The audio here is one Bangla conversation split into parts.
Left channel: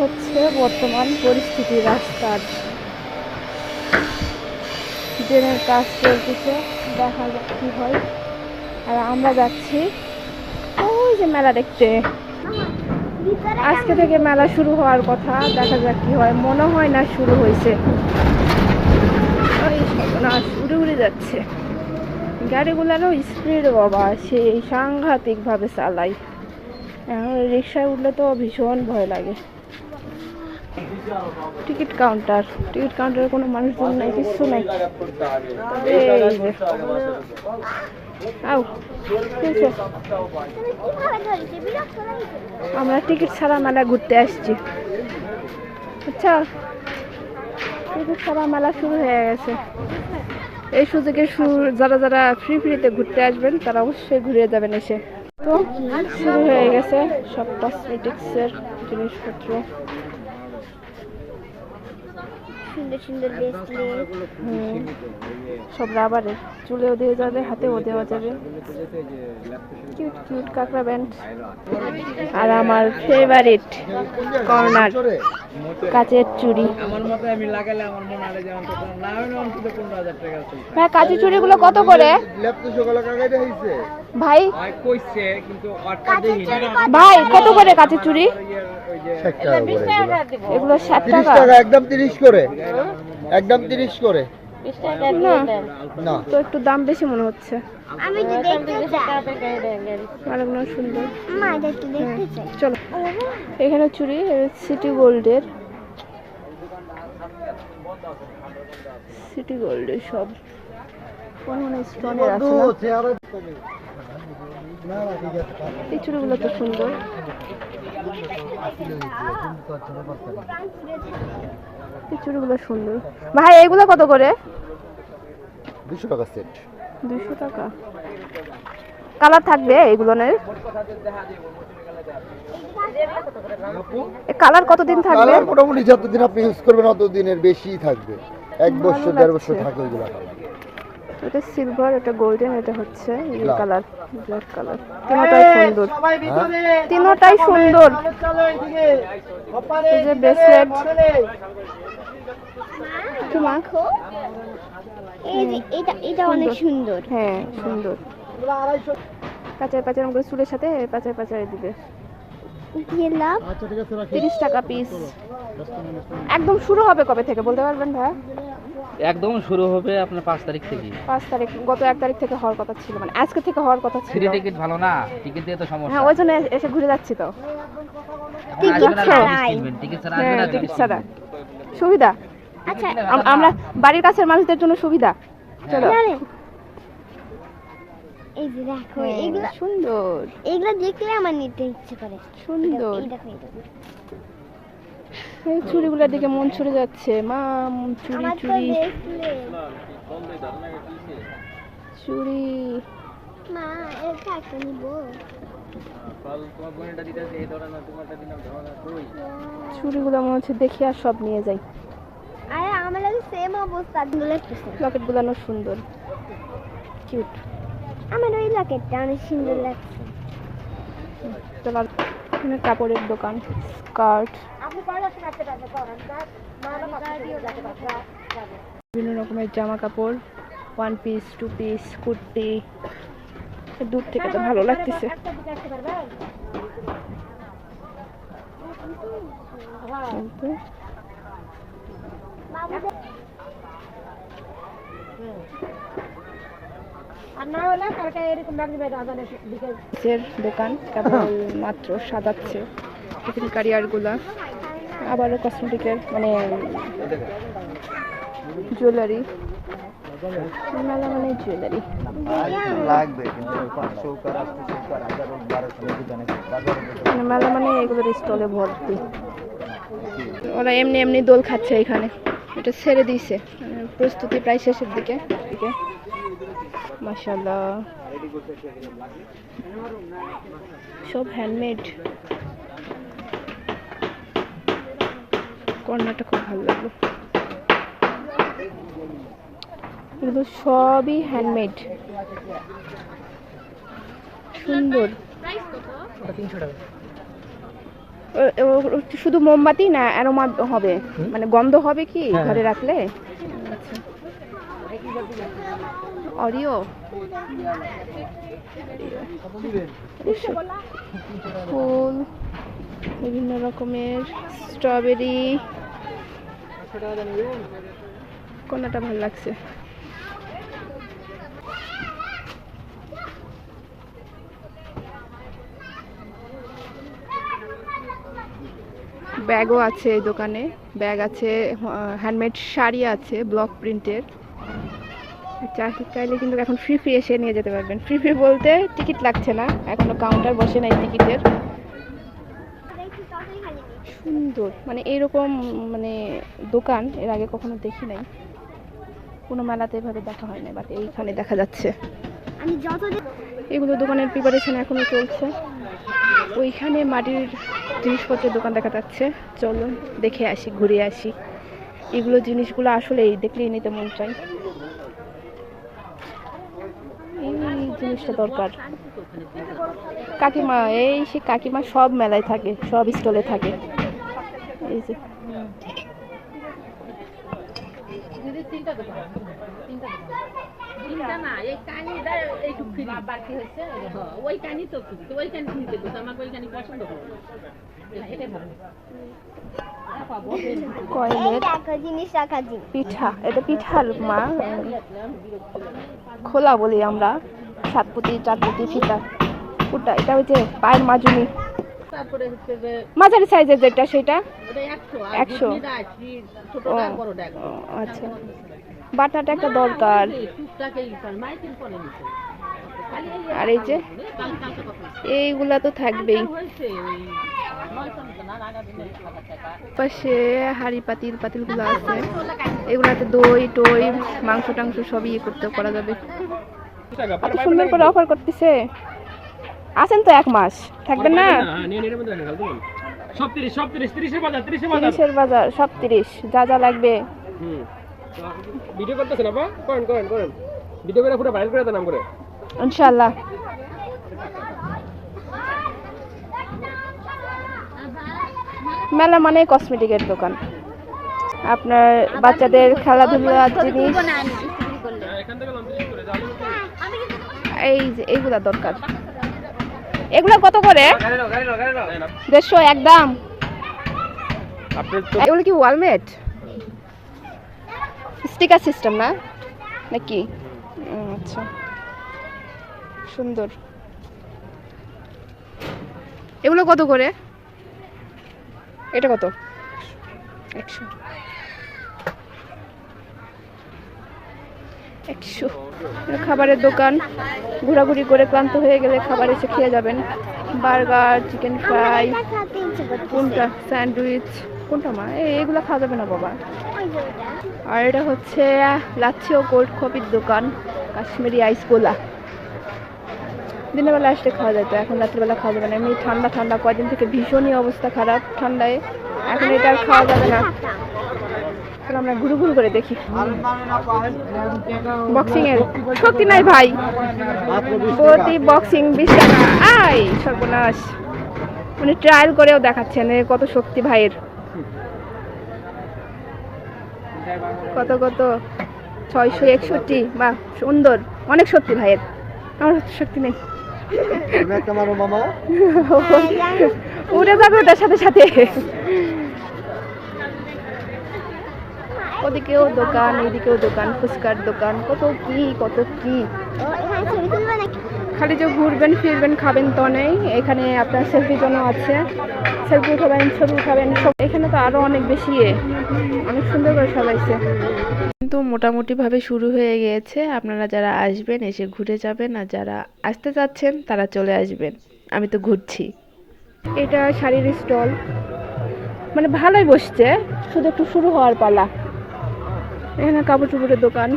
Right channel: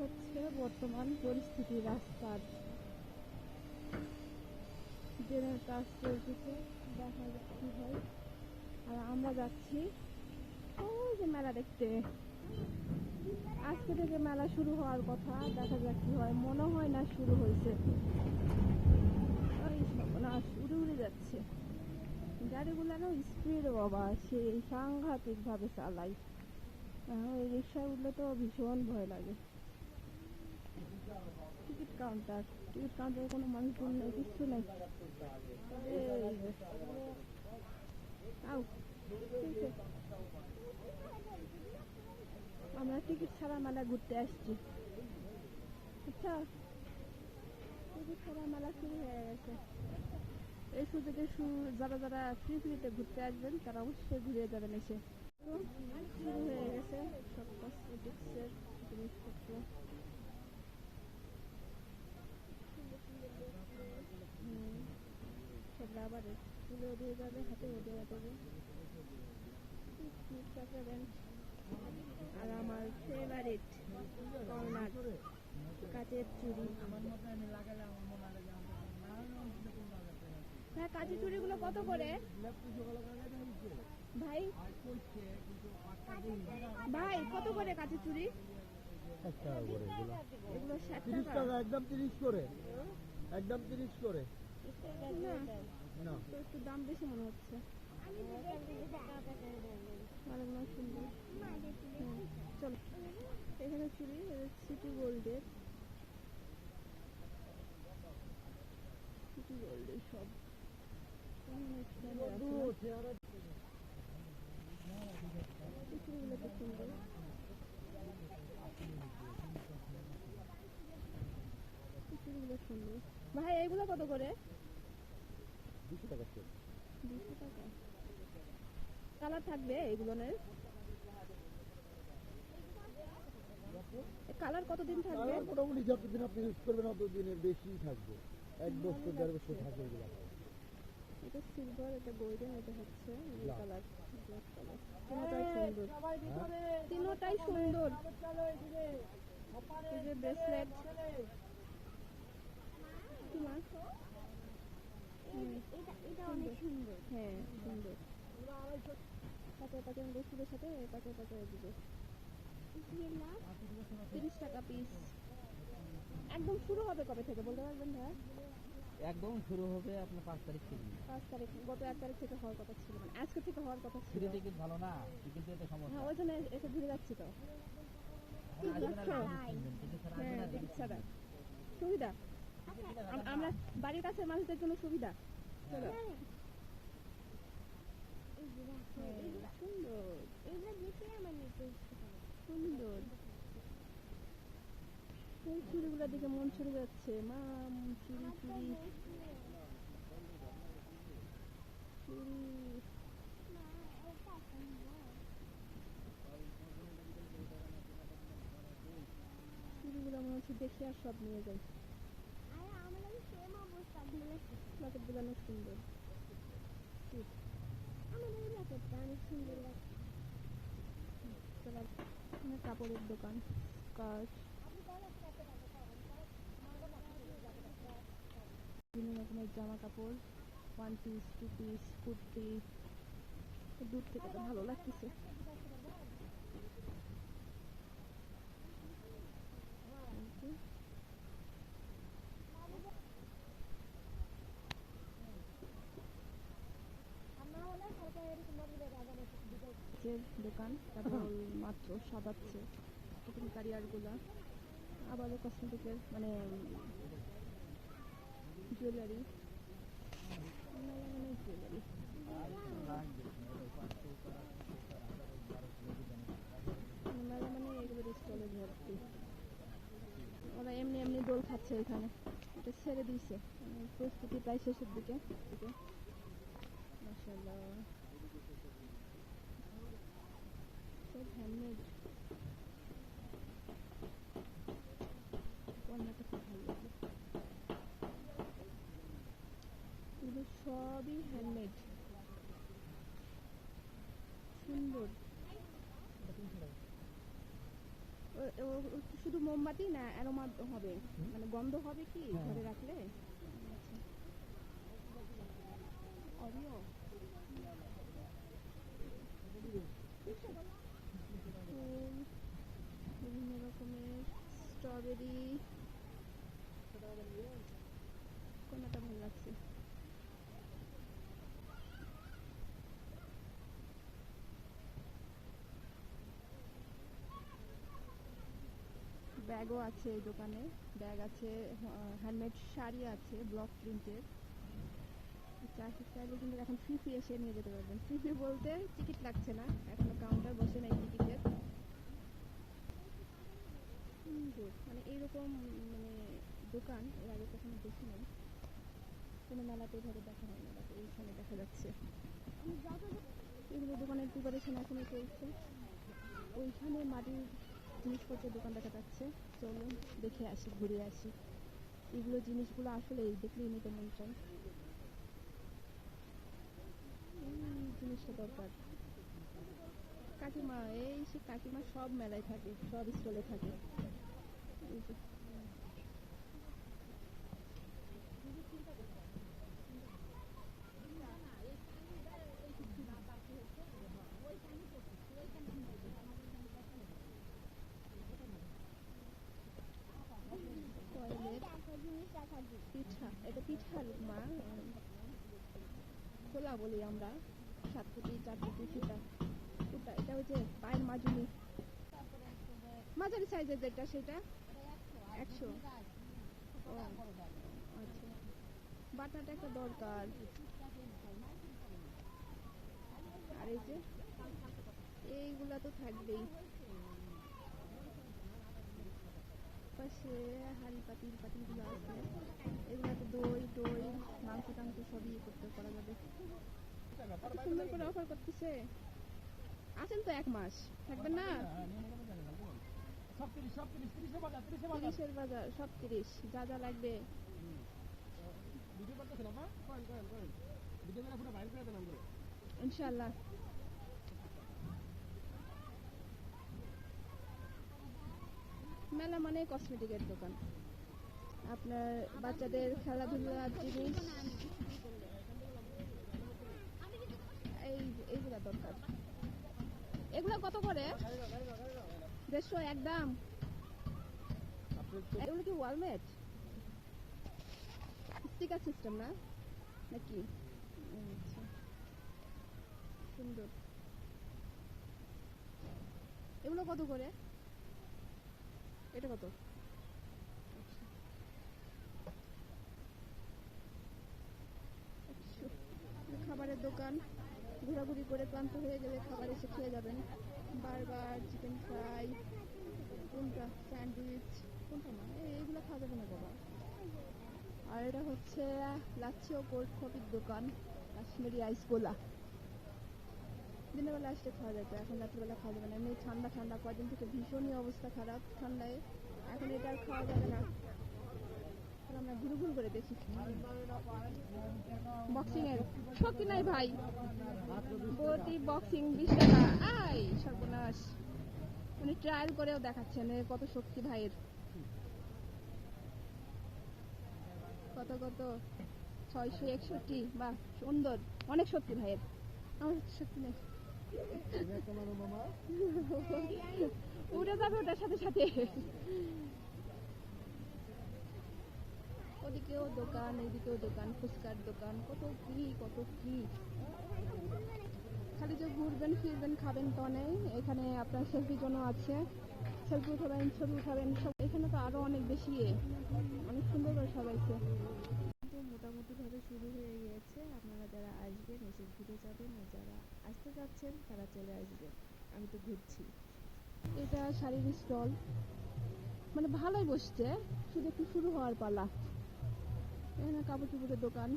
হচ্ছে বর্তমান পরিস্থিতি রাস্তার। ট্রেনের কাজ চলতেছে, দেখা যাক কি হয়। আর আমরা যাচ্ছি ওই যে মেলা দেখতে। আজকে থেকে মেলা শুরু হওয়ার কথা, দেখা যাক কি হয়। মনে হয় না শুরু হয়েছে। ওই সর্বনাশ, উড়ে উড়ে যাচ্ছে গাড়িগুলারও স্পিড বাবা, সেই সাংঘাতিক ভাবে চালাই। এখন রিক্সায় উঠলে তো ভীষণ ভয় লাগে। টিকিট কাউন্টারে কোনো মানুষজন নাই, কিছু নাই। তবে এই যে আও, আমরা টিকিট ছাড়া মেলা ঘুরতে আসছি। আচ্ছা, টিকিট ছাড়া মেলা শুরু হয়ে গেছে। এই সুযোগে যারা যারা ফ্রিতে ঘুরতে আসবেন তারা অবশ্যই ঘুরে যাবেন এসে। তো শুরু হয়ে গেছে সব কসমেটিক্সের জিনিসপত্র। সুন্দর সুন্দর সব রাবারের, চুলেও দিয়ে যাবে, হাতেও দেওয়া যাবে। কিউট কিউট কাঁকড়া ব্যান্ড। আর আমার ফেভারিট কর্নার, কাচের চুড়ি। হ্যাঁ, কাচের চুড়িগুলো কত করে ভাই? ভাই কত করে কাচের চুড়ি? এগুলো 60 টাকা। একদম 30 করে, একদম 30 করে। না তো একটু দাম বেশি মনে হচ্ছে। আরেকগুলো সুন্দর। চলো, এখানে চুড়ি সিটি গোল্ডের, সব স্টোনের আছে না? এই চুড়িগুলো তো সুন্দর। এই চুড়িগুলো সুন্দর। ভাই এগুলো কত করে? 200 টাকা সেট। 200 টাকা। কালার থাকবে এগুলো? কালার কতদিন থাকবে? মোটামুটি যতদিন আপনি ইউজ করবেন ততদিনের বেশি থাকবে। 1 বছর 1.5 বছর থাকে এগুলো। এটা সিলভার, এটা গোল্ডেন, এটা হচ্ছে এই কালার, ব্ল্যাক কালার। তিনটাই সুন্দর, তিনটাই সুন্দর। এই যে ব্রেসলেট, মাখো, এটা অনেক সুন্দর। হ্যাঁ সুন্দর। পাচার পাচার করে চুলের সাথে পাচার পাচার দিবে। 30 টাকা পিস। একদম শুরু হবে কবে থেকে বলতে পারবেন ভাই? একদম শুরু হবে আপনার 5 তারিখ থেকে। 5 তারিখ, গত 1 তারিখ থেকে হওয়ার কথা ছিল, মানে আজকে থেকে হওয়ার কথা ছিল। ফ্রি টিকিট ভালো না, টিকিট দিয়ে তো সমস্যা। হ্যাঁ, ওই জন্য এসে ঘুরে যাচ্ছি তো। টিকিট ছাড়া সুবিধা। আচ্ছা, আমরা বাড়ির কাছের মানুষদের জন্য সুবিধা। চলো, এই যে দেখো, এগুলো সুন্দর। এগুলো দেখলে আমার নিতে ইচ্ছে করে। সুন্দর। এই চুড়িগুলোর দিকে মন ছুড়ে যাচ্ছে। মা, চুড়ি চুড়ি চুড়ি। মা, এটা একটা নিব। চুড়িগুলো মনে হচ্ছে দেখি আর সব নিয়ে যাই। আরে আমার লাগে সেম অবস্থা। লকেট গুলো সুন্দর, কিউট। আমার ওই লকেটটা অনেক সুন্দর লাগছে। চলো, এখানে কাপড়ের দোকান, স্কার্ট, বিভিন্ন রকমের জামা কাপড়, 1 পিস 2 পিস, কুর্তি। দূর থেকে তো ভালো লাগতেছে। দোকান কেবল মাত্র সাজাচ্ছে কারিয়ার গুলা। আবারও কসমেটিকের মানে জুয়েলারি। মেলা মানে জুয়েলারি মেলা মানে এগুলোর স্টলে ভর্তি। ওরা এমনি এমনি দোল খাচ্ছে এখানে। এটা ছেড়ে দিয়েছে, প্রস্তুতি প্রায় শেষের দিকে। মাশাআল্লাহ, সব হ্যান্ডমেড। কর্নারটা খুব ভালো লাগলো। এগুলো সবই হ্যান্ডমেড, সুন্দর। শুধু মোমবাতি না অ্যারোমা হবে, মানে গন্ধ হবে কি ঘরে রাখলে? আচ্ছা, অরিও, ফুল, বিভিন্ন রকমের স্ট্রবেরি। কোনটা ভালো লাগছে? ব্যাগও আছে এই দোকানে, ব্যাগ আছে, হ্যান্ডমেড শাড়ি আছে ব্লক প্রিন্টের। চাইলে কিন্তু এখন ফ্রি ফ্রি এসে নিয়ে যেতে পারবেন। ফ্রি ফ্রি বলতে টিকিট লাগছে না, এখনো কাউন্টার বসে নাই টিকিটের। সুন্দর, মানে এইরকম মানে দোকান এর আগে কখনো দেখি নাই, কোনো মেলাতে এভাবে দেখা হয় না, বাট এইখানে দেখা যাচ্ছে। এগুলো দোকানের প্রিপারেশন এখনো চলছে। ওইখানে মাটির জিনিসপত্রের দোকান দেখা যাচ্ছে, চলুন দেখে আসি, ঘুরে আসি। এগুলো জিনিসগুলো আসলেই দেখলেই নিতে মন চাই। এই জিনিসটা দরকার। কাকিমা, এই সে কাকিমা সব মেলায় থাকে, সব স্টলে থাকে। এই যে কয়েলের পিঠা, এটা পিঠার মা, খোলা বলি আমরা, সাতপুতি চারপুতি ফিতা। ওটা এটা হচ্ছে পায়ের মাজুনি, মাঝারি সাইজের যেটা সেটা 100। আচ্ছা, বাটাটা একটা দরকার। আর এই যে এইগুলা তো থাকবেই। পাশে হাড়ি পাতিল পাতিলগুলো আছে, এগুলাতে দই টই মাংস টাংস সবই করতে করা যাবে। এত সুন্দর করে অফার করতেছে। আছেন তো 1 মাস, থাকবেন না? 30-এর বাজার, সব 30, যা যা লাগবে। ভিডিও করতেছেন আপা? করেন ভিডিও করে পুরো ভাইরাল করে দেন নাম করে ইনশাআল্লাহ। মেলা মানে কসমেটিকের দোকান, আপনার বাচ্চাদের খেলাধুলার জিনিস, এই যে এইগুলা দরকার। এগুলা কত করে? 150 একদম। এগুলো কি ওয়ালমেট স্টিকার সিস্টেম না নাকি? আচ্ছা, সুন্দর। এগুলো কত করে? এটা কত? 100। খাবারের দোকান, ঘোরাঘুরি করে ক্লান্ত হয়ে গেলে খাবার এসে খেয়ে যাবেন। বার্গার, চিকেন ফ্রাই, কোনটা স্যান্ডউইচ, কোনটা মা? এগুলো খাওয়া যাবে না বাবা। আর এটা হচ্ছে লাচ্ছি ও কোল্ড কফির দোকান, কাশ্মীরি আইস গোলা। দিনের বেলা আসলে খাওয়া যেত, এখন রাত্রিবেলা খাওয়া যাবে না, এমনি ঠান্ডা ঠান্ডা, কয়দিন থেকে ভীষণই অবস্থা খারাপ ঠান্ডায়, এখন এটা আর খাওয়া যাবে না। আমরা ঘুরু ঘুরু করে দেখি। বক্সিং এর শক্তি নাই ভাই, প্রতি বক্সিং 20 টাকা। আই সর্বনাশ, উনি ট্রায়াল করেও দেখাচ্ছেন কত শক্তি ভাইয়ের। কত 661। বা সুন্দর, অনেক শক্তি ভাইয়ের, আমার শক্তি নেই। উড়ে যাবে ওটার সাথে সাথে। ওদিকেও দোকান, এইদিকেও দোকান, ফুচকার দোকান, কত কি। খালি যে ঘুরবেন ফিরবেন খাবেন তো নেই, এখানে আপনার সেলফি জন্য আছে, সেলফি উঠাবেন, ছবি উঠাবেন সব। এখানে তো আরো অনেক বেশি, অনেক সুন্দর করে সাজাইছে। কিন্তু মোটামুটিভাবে শুরু হয়ে গিয়েছে। আপনারা যারা আসবেন এসে ঘুরে যাবেন, আর যারা আসতে চাচ্ছেন তারা চলে আসবেন। আমি তো ঘুরছি। এটা শাড়ির স্টল, মানে ভালোই বসছে, শুধু একটু শুরু হওয়ার পালা। এখানে কাপড় চোপড়ের দোকান।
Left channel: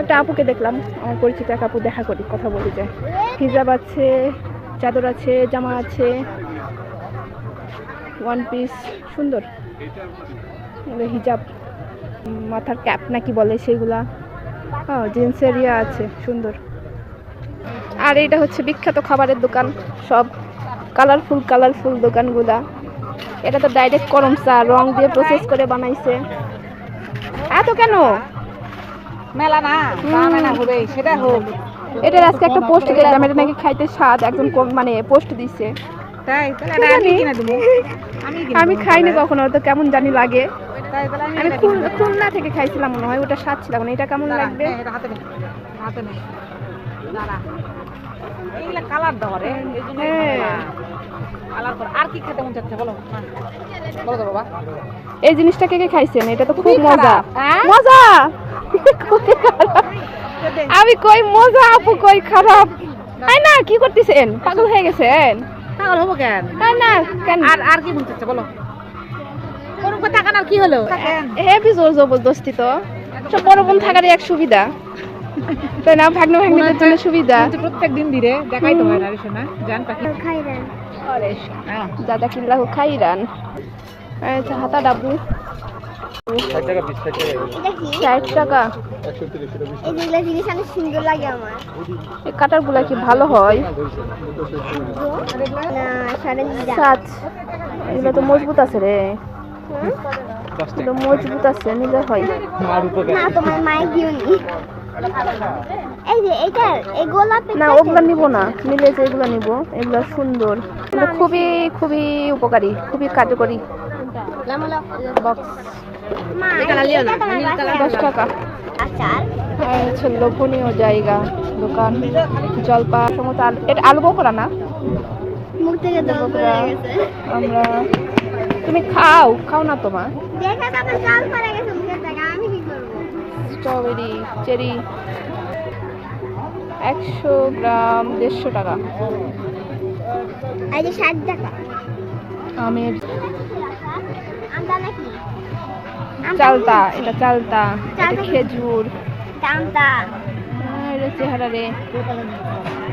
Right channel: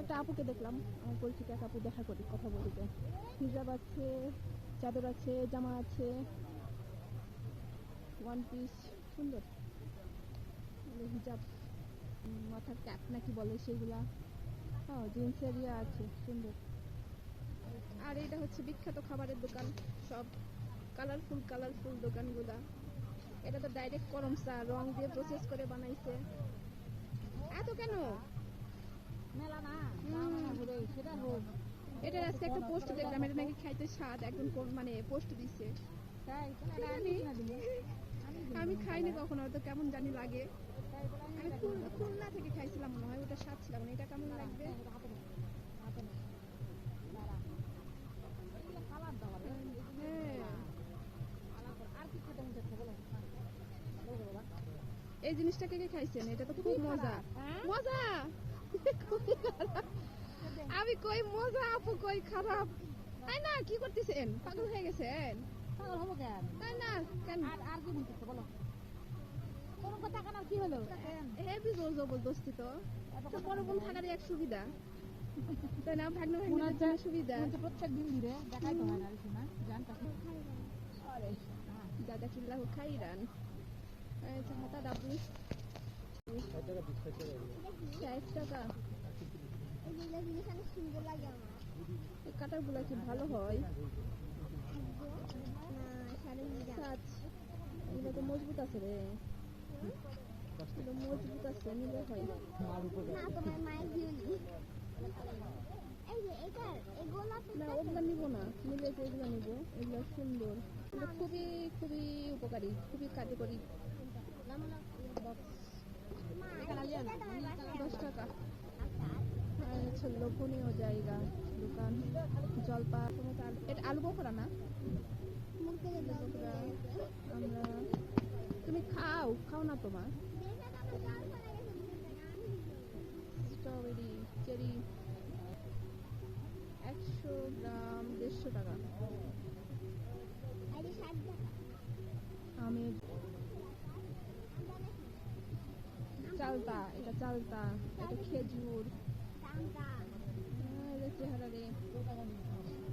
একটা আপুকে দেখলাম, আমার পরিচিত এক আপু, দেখা করি, কথা বলি যায়। হিজাব আছে, চাদর আছে, জামা আছে, ওয়ান পিস, সুন্দর হিজাব, মাথার ক্যাপ নাকি বলে সেগুলা, জিন্সের ইয়া আছে, সুন্দর। আর এটা হচ্ছে বিখ্যাত খাবারের দোকান, সব কালারফুল দোকানগুলা। এটা তো ডাইরেক্ট করম চা, রং দিয়ে প্রসেস করে বানাইছে। এত কেন? মেলা না দামে না হবে সেটা হোক। এটার আজকে একটা পোস্ট দেখলাম, এটা নাকি খাইতে স্বাদ, একজন মানে পোস্ট দিছে। তাই তাহলে এটা আমি কিনে দেবো। আমি খাইনি কখনো, তো কেমন জানি লাগে। তাই তাহলে আমি খুলনা থেকে খাইছিলাম মনে হয়, ওটা স্বাদ ছিল না। এটা কেমন লাগবে? এটা হাতে নে, হাতে নে দাঁড়া। এইগুলা কালার দাও রে, এই জন্য কালার কর। আর কি খেতে মন চাচ্ছে বলো? বলো তো বাবা। এই জিনিসটা কে কে খাইছেন? এটা তো খুব খুবই মজা। খারাপ, হ্যাঁ? মজা খুবই খারাপ। আমি কই মজা, আপু কই খারাপ। তাই না? কি করতেছেন? পাগল হয়ে গেছেন? পাগল হবো কেন? তাই না কেন? আর কি মন চাচ্ছে বলো? কোন কথা কান আর কি হলো? হেভি জোর জবরদস্তি তো। সব বড় বোন থাকারই এক সুবিধা, তাই না? ভাগ্নে ভাগ্নিদের জন্য সুবিধা। প্রত্যেক দিন ধীরে দেখাই তো হয় না রে শোনা, জান পাখি। দাদা কিনলাহু খাইরান। আচ্ছা হাতা ডাবু 60 টাকা পিস 60 টাকা 60 টাকা। 130 টাকা। এগুলো জিনিস অনেক সুন্দর লাগে আমার। এই কাটার গুলা কি ভালো হয়? না সাড়ে সাত। এগুলো তো মজবুত আছে রে, এগুলো মজবুত আছে, নিলে হয়। না তোমার মায়ের দিওনি। এই যে এটা এই গোলাপি না ওগুলা নিব না, নিলে যে এগুলো নিব, এগুলো সুন্দর, এগুলো খুবই খুবই উপকারী, খুবই কার্যকরী। বক্স মা এটা তোমার বাসায় 10 টাকা। আচার আর হচ্ছে লোভনীয় জায়গা, দোকান, জলপা সমস্ত। এটা আলু বকরা না? মুখ থেকে জল পড়ে গেছে। আমরা তুমি খাও খাও না তোমার। দেখা তো আমার জল পড়ে গেছে মুখের থেকে, আমি কি করব? স্ট্রবেরি, চেরি 100 গ্রাম 150 টাকা। এই যে 60 টাকা। আমের আমটা নাকি? চালতা, এটা চালতা, এটা খেজুর। আমটা এটা চেহারা রে,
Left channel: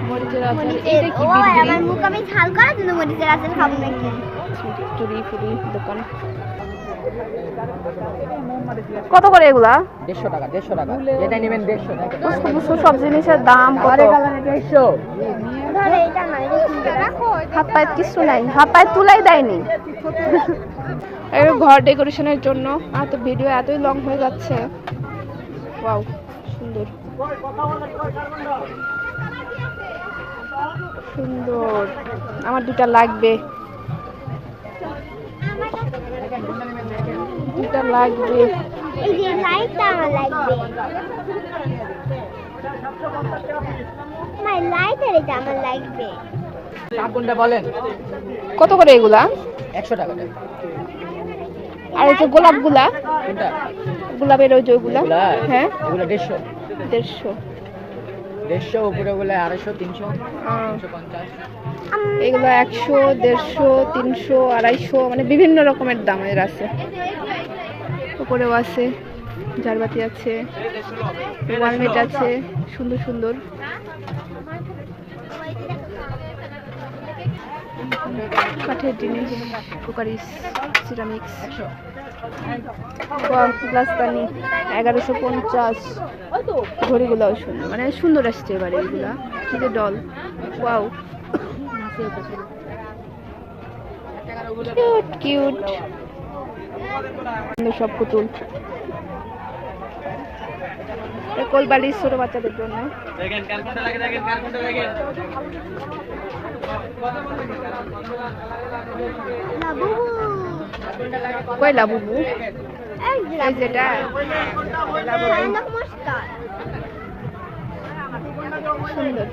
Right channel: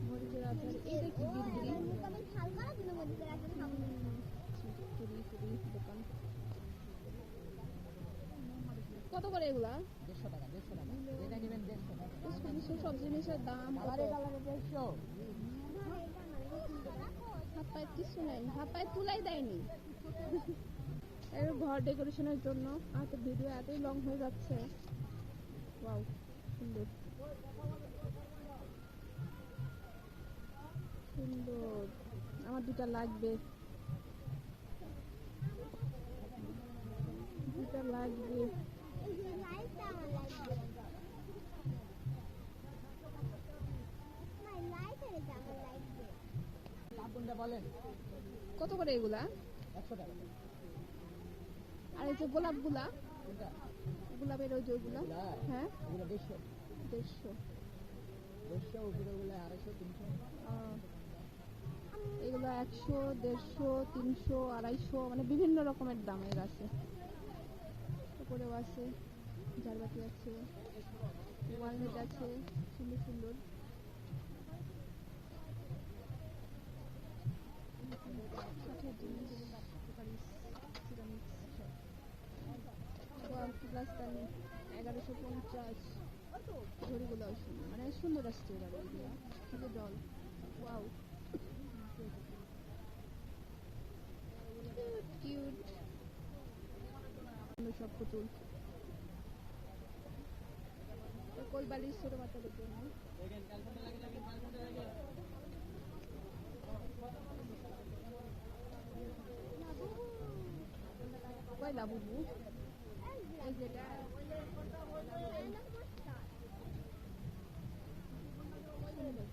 মরিচের আচার। এটা কি ও বিড়বিড়ি? আমার মুখ আমি ঝাল করার জন্য মরিচের আচার খাবো নাকি? চুরি ফুরি দোকান। কত করে এগুলা? 150 টাকা 150 টাকা, যেটা নেবেন 150 টাকা। বুঝতে বুঝতে সব জিনিসের দাম কত? ধরে এটা না, এটা সুন্দর। হাত পায়ে কিছু নাই, হাত পায়ে তুলাই দেয়নি। এই ঘর ডেকোরেশনের জন্য। আর তো ভিডিও এতই লং হয়ে যাচ্ছে। ওয়াও সুন্দর সুন্দর, আমার দুটা লাগবে, দুটা লাগবে। এই যে লাইটটা আমার লাগবে। আমার লাইটার এটা আমার লাগবে। কোনটা বলেন? কত করে এগুলা? 100 টাকা। আর এই যে গোলাপগুলা, কোনটা? গোলাপের ওই যে ওইগুলা, এগুলা? হ্যাঁ এগুলা 150 150। 150 উপরে গুলো 250 300 350। এগুলো 100 150 300 250, মানে বিভিন্ন রকমের দামের আছে। উপরেও আছে, ঝাড়বাতি আছে, ওয়ালমেট আছে, সুন্দর সুন্দর। কাঠের জিনিস, কুকারিস, সিরামিক্স, গ্লাসদানি 1150। ঘড়িগুলোও সুন্দর, মানে সুন্দর আসছে এবারে এগুলা। কি যে ডল, ওয়াও কিউট কিউট সব পুতুল। কোলবালিশ ছোট বাচ্চাদের জন্য। লাবু কই লাবুবু? এই যে এই যেটা লাবু মস্কার সুন্দর।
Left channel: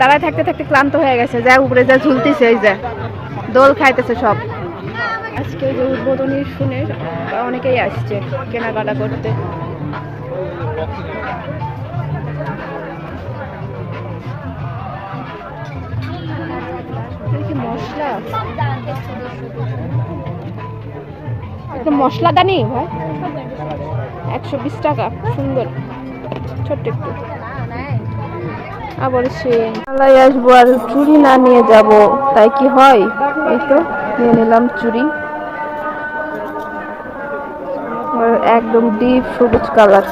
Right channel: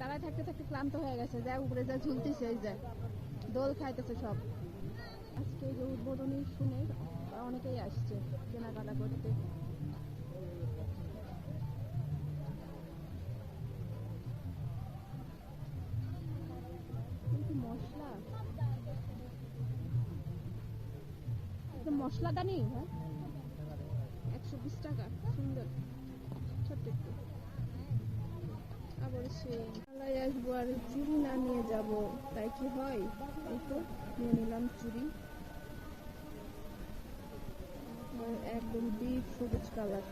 দাঁড়ায় থাকতে থাকতে ক্লান্ত হয়ে গেছে, যা উপরে যা ঝুলতেছে, এই যে দোল খাইতেছে সব। আজকে যে উদ্বোধনী শুনে অনেকেই আসছে কেনাকাটা করতে। এটা কি মশলা? এটা মশলাদানি ভাই, 120 টাকা। সুন্দর ছোট্ট একটু। আবার সে মেলায় আসবো আর চুড়ি না নিয়ে যাব, তাই কি হয়? এই তো নিয়ে নিলাম চুড়ি, একদম ডিপ সবুজ কালার।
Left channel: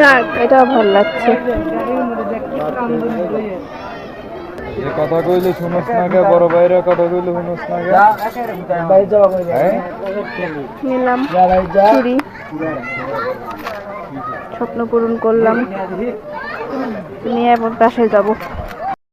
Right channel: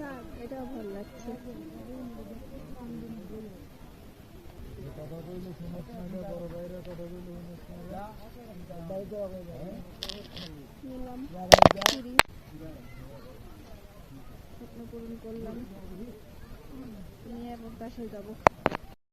যাক, এটাও ভালো লাগছে। যে কথা কইলে শুনস না গে, বড় ভাইরা কথা কইলে শুনস না গে। হ্যাঁ? নিলাম চুড়ি, স্বপ্ন পূরণ করলাম, নিয়ে এবার বাসায় যাবো।